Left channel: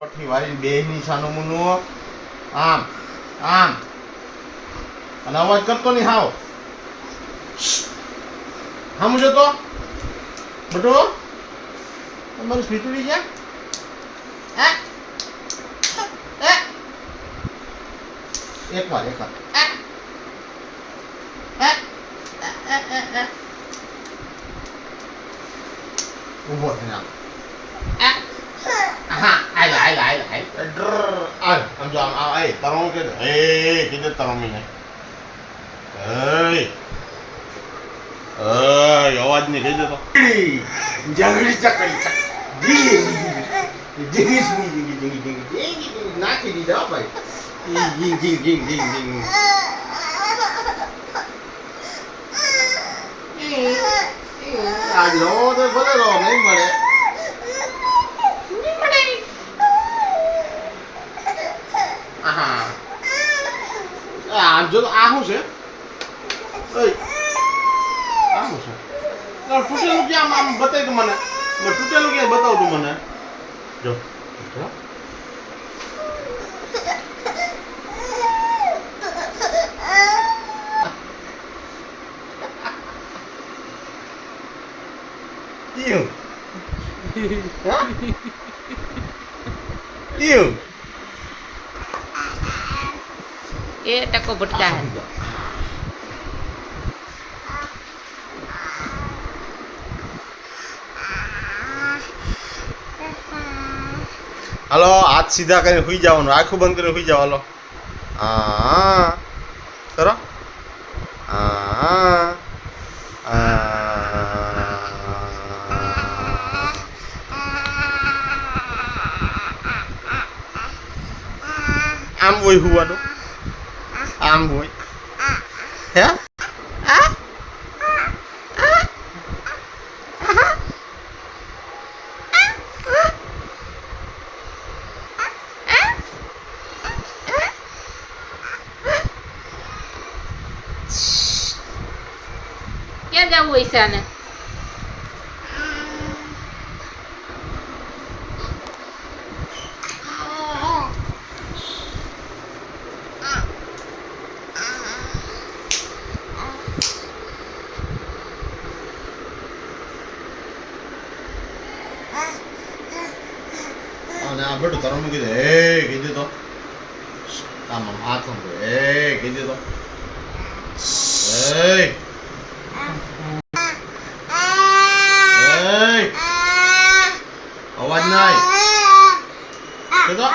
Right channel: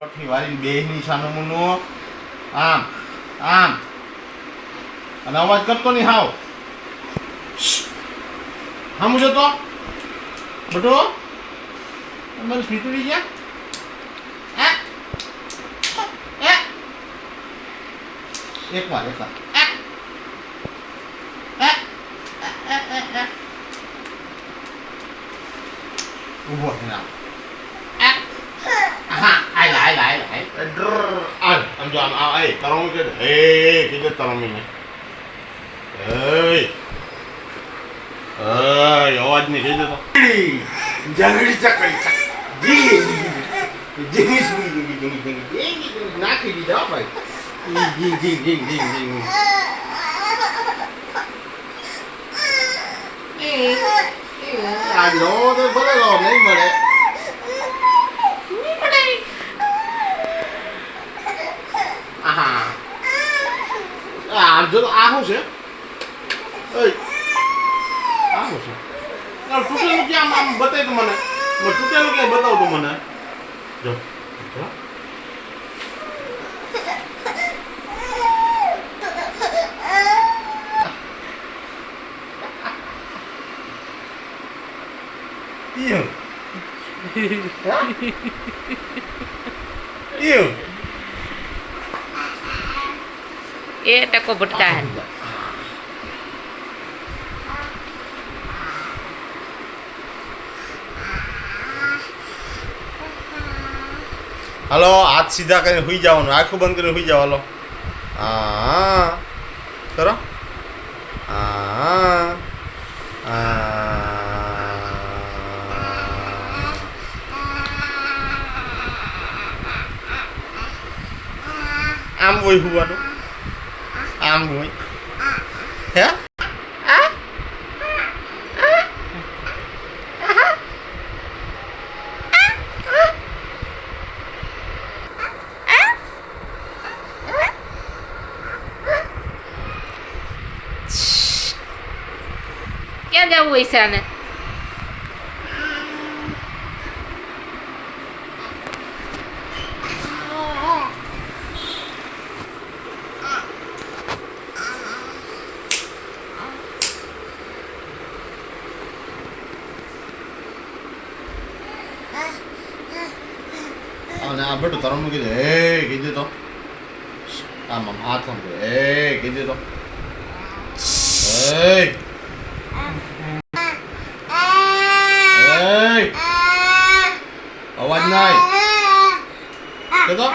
પઠી વાળી બેહની સાનું મુનું આમ આમ અને અવાજ કરતો નહીં હાવ સમજો તો બટો તમારી સ્વીટડી ગયા એક વાર ઊભો થઈને આમ આમ જો આમ આ એ તરમી કે હે કીધું તરમી ને હે અવાજ નહીં કહી દેતો જંગલી ચકડી નાખી દીધા ભાઈ આજ નો તો ભલે નો નહીં મળે આમ જો આ શું છે આ શું છે તૂટેલું ક્યાં આમ બતાવી તું મને તૂટેલું ક્યાં બતાવ તું મને જો એ ટકો ભટકા હે હાલો હાથ સીધા કરીને સુઈ જવાનું આખું બંધ કરીને સુઈ જાવ હાલો હા કરો આમ હોય હુવાનું આમ હોય હે ક્યાં જવું હોય છે આને અને આ બેટું તરણ મૂકી દે હે કીધું તો આમ આમ હાથ મૂકી દે હે કીધું તો હે અવાજ નાય કે તો